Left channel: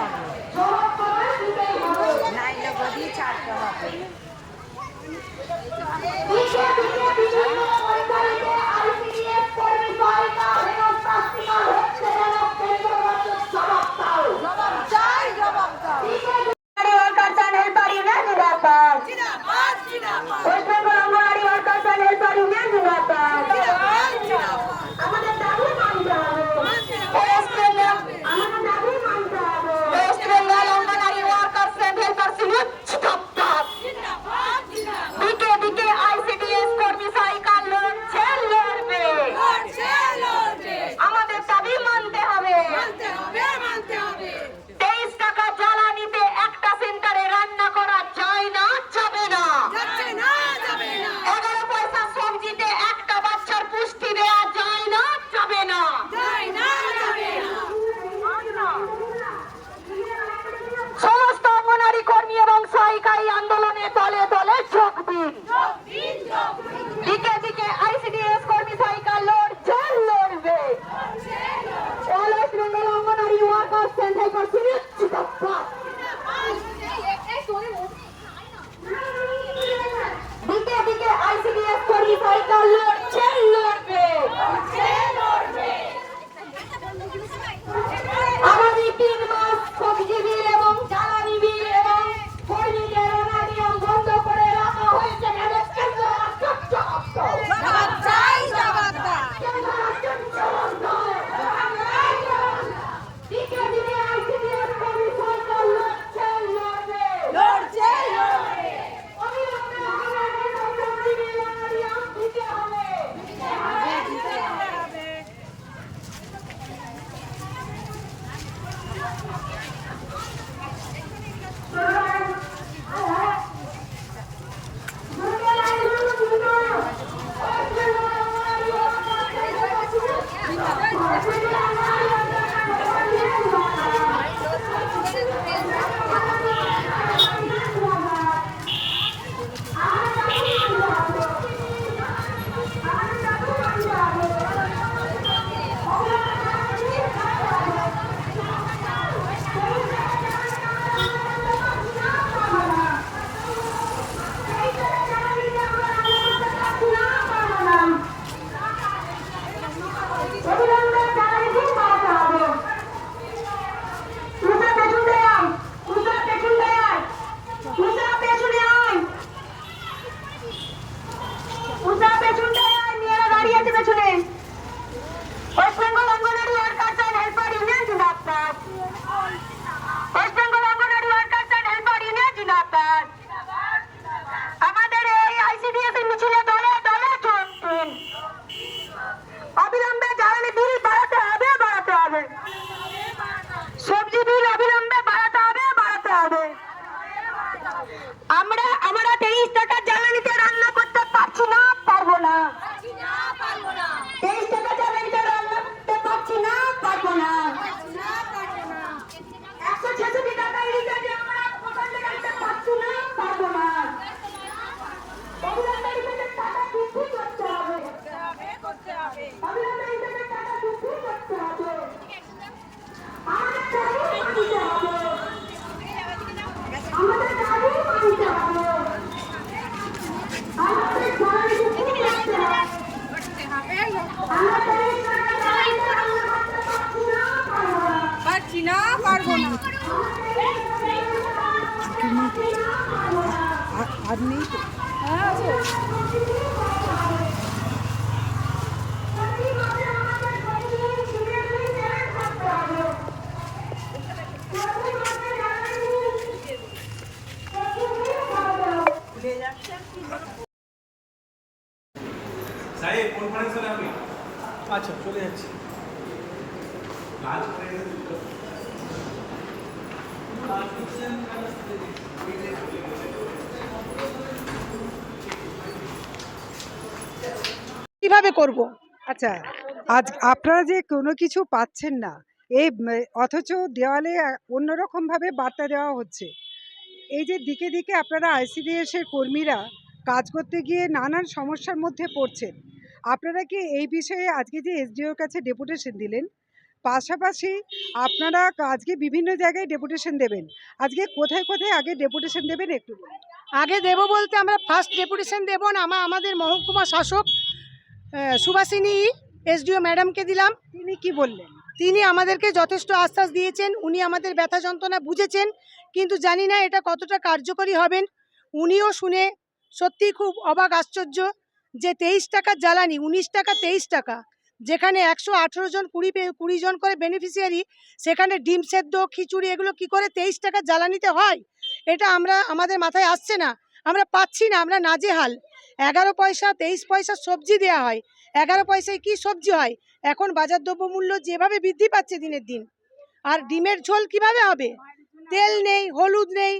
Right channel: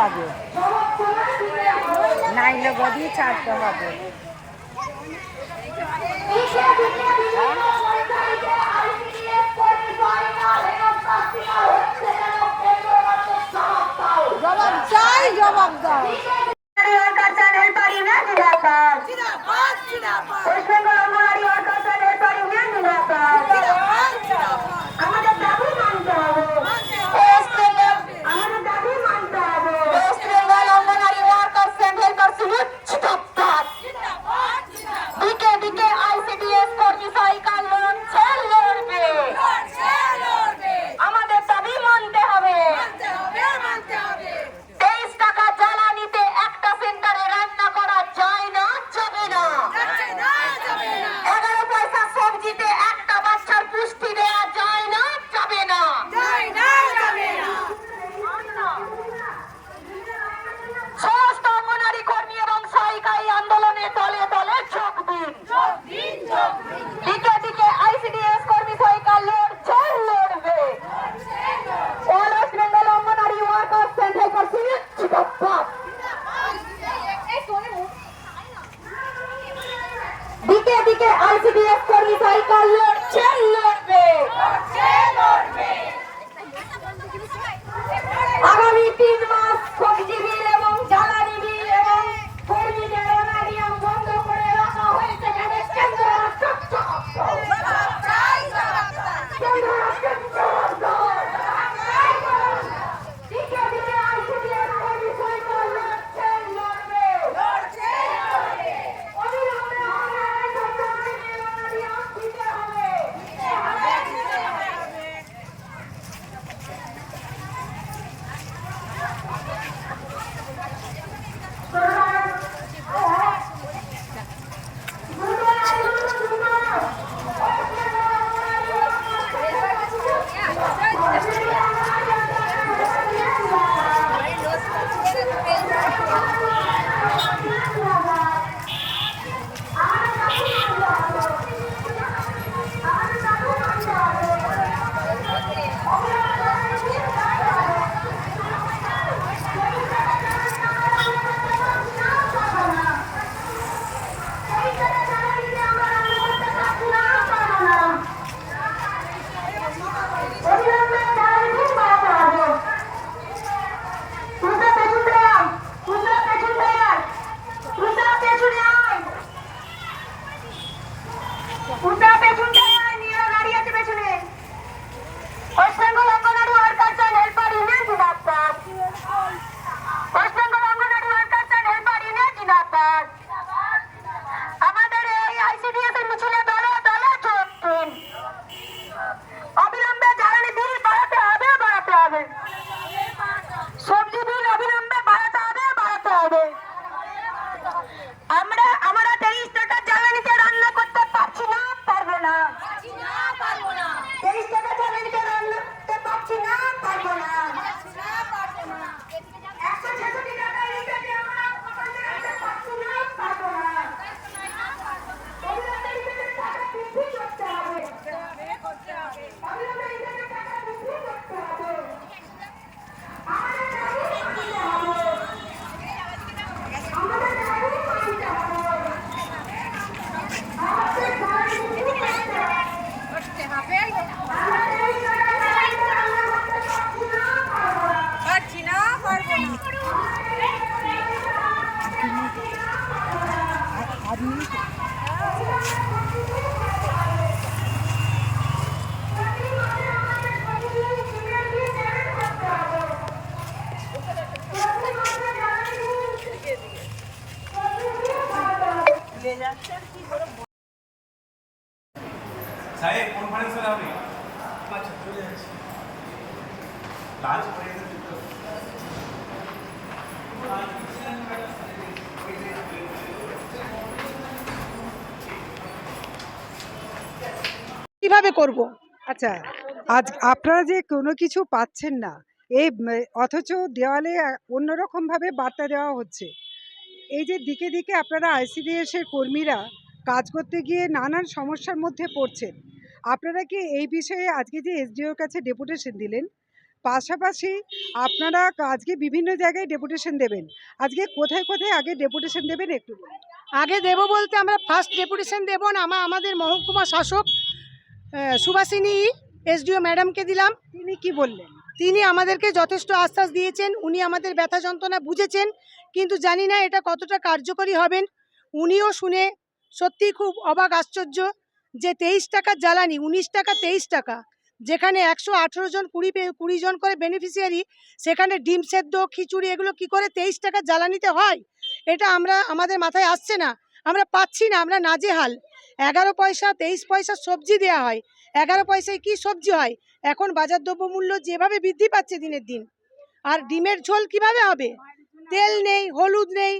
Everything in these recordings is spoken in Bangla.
হবে নাইলে বডি চারটে হবে চ্যানেল পারি না ওয়েস্ট বেঙ্গল তলে তলে যোগ দিন। দিকে দিকে আইসিডিএস কর্মী সহায়িকার লড়ছে লড়বে। অল ওয়েস্ট বেঙ্গল অঙ্গনারী আইসিডিএস কর্মী está acá. না পারবো না আর নেই তো সাহেব কোন পানি স্যার আপনি আচ্ছা চলে যাচ্ছি কাজ করে কীভাবে করব? আচ্ছা আজ আপনারা যে কোনো কিছু পাচ্ছেন না এই অথচ দেওয়ালে অন্যরকমভাবে বার্তা দেওয়া হচ্ছে। এই যে দিকে দিকে আপনারা আইসিডিএস এর কর্মীরা কাজ করতে গিয়ে নানান সমস্যার মধ্যে পড়ছেন, আপনারা কি এই বিষয়ে আজকে যে এসডিওর কাছে ডেপুটেশন দিলেন, পাশাপাশি আপনারা আজকে বিভিন্ন জায়গায় ডেপুটেশন দেবেন, আজকে কোথায় কোথায় আগে ডেপুটেশন দেবেন একটু আগে দেব বলতে আমরা ফার্স্ট ডেপুটেশন দেব না, আমা, আমাদের মহকুমা শাসক সুভাষিনী, এসডিও ম্যাডামকে দিলাম। তিনি কি বললেন? তিনি আমাদেরকে যথেষ্ট আশ্বাস দিয়েছেন, উনি আমাদের ব্যথা যন্ত্রণা বুঝেছেন, কিন্তু জানি না এটা কতটা কার্যকরী হবেন। উনিও শুনে সত্যিই খুব অবাক, আশ্চর্য যে তেইশ টাকার জ্বালানি, উনিশ টাকা, তেইশ টাকা, যেখানে একশো আঠেরো জন, কুড়ি কুড়ি জন করে বেনিফিশিয়ারি সেখানে ডিম সেদ্ধ, খিচুড়ি, এগুলো কি করে তেইশ টাকার জ্বালানিতে হয়? এটা আমরা, আমাদের মাথায় আসছে না। আমরা পাচ্ছি না, আমরা নাজেহাল। এগারো পয়সা, তেইশ পয়সা সবজি দেওয়া হয়। এগারো পয়সায় কি সবজি হয়? এখন বাজার দ্রব্যমূল্য যেভাবে বৃদ্ধি পাচ্ছে দিনের দিন, আর ডিমের ঝোল কীভাবে হবে? তেল নেই, হলুদ নেই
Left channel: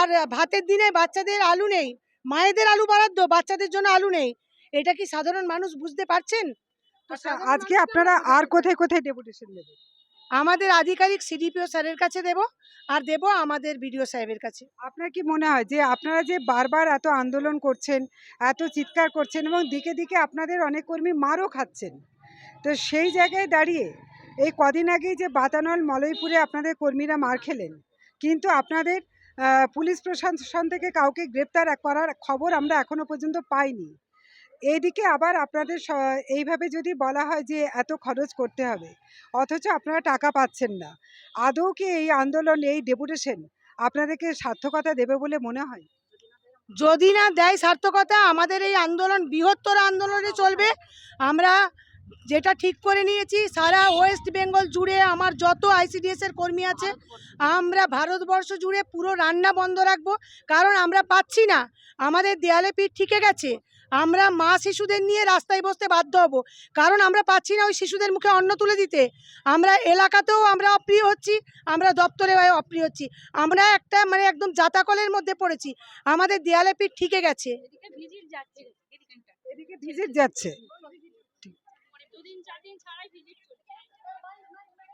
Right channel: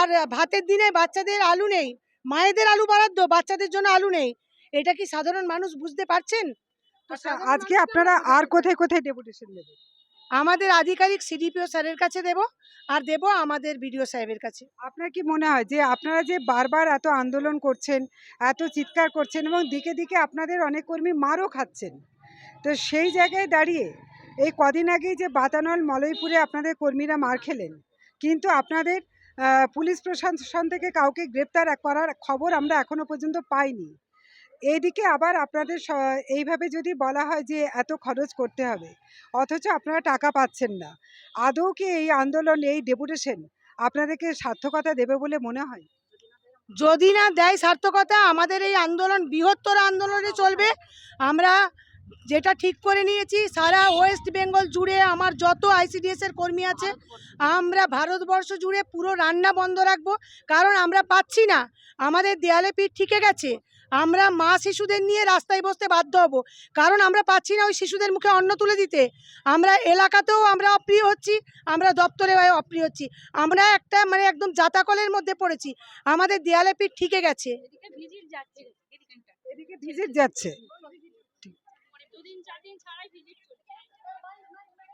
আর ভাতের দিনে বাচ্চাদের আলু নেই, মায়েদের আলু বরাদ্দ, বাচ্চাদের জন্য আলু নেই। এটা কি সাধারণ মানুষ বুঝতে পারছেন? আচ্ছা আজকে আপনারা আর কোথায় কোথায় ডেপুটেশন দেবেন আমাদের আধিকারিক সিডিপিও স্যারের কাছে দেব আর দেব আমাদের বিডিও সাহেবের কাছে। আপনার কি মনে হয় যে আপনারা যে বারবার এত আন্দোলন করছেন, এত চিৎকার করছেন এবং দিকে দিকে আপনাদের অনেক কর্মী মারও খাচ্ছেন? তো সেই জায়গায় দাঁড়িয়ে এই কদিন আগেই যে বাতানল মলয়পুরে আপনাদের কর্মীরা মার খেলেন, কিন্তু আপনাদের পুলিশ প্রশাসন থেকে কাউকে গ্রেপ্তার করার খবর আমরা এখনও পর্যন্ত পাইনি। এইদিকে আবার আপনাদের এইভাবে যদি বলা হয় যে এত খরচ করতে হবে, অথচ আপনারা টাকা পাচ্ছেন না। আদৌ কি এই আন্দোলন, এই ডেপুটেশন আপনাদেরকে সার্থকতা দেবে বলে মনে হয়? যদি না দেয় সার্থকতা, আমাদের এই আন্দোলন, বৃহত্তর আন্দোলনে চলবে। আমরা যেটা ঠিক করে নিয়েছি, সারা ওয়েস্ট বেঙ্গল জুড়ে আমার যত আইসিডিএস এর কর্মী আছে, আমরা ভারতবর্ষ জুড়ে পুরো রান্না বন্ধ রাখব। কারণ আমরা পাচ্ছি না। আমাদের দেয়ালে পিঠ ঠিকে গেছে। আমরা মা শিশুদের নিয়ে রাস্তায় বসতে বাধ্য হব। কারণ আমরা পাচ্ছি না ওই শিশুদের মুখে অন্ন তুলে দিতে। আমরা এলাকাতেও আমরা অপ্রিয় হচ্ছি আমরা দপ্তরে অপ্রিয় হচ্ছি। আমরা একটা মানে একদম জাতাকলের মধ্যে পড়েছি। আমাদের দেয়ালে পিঠ ঠিকে গেছে। এদিকে ভিজিট যাচ্ছে।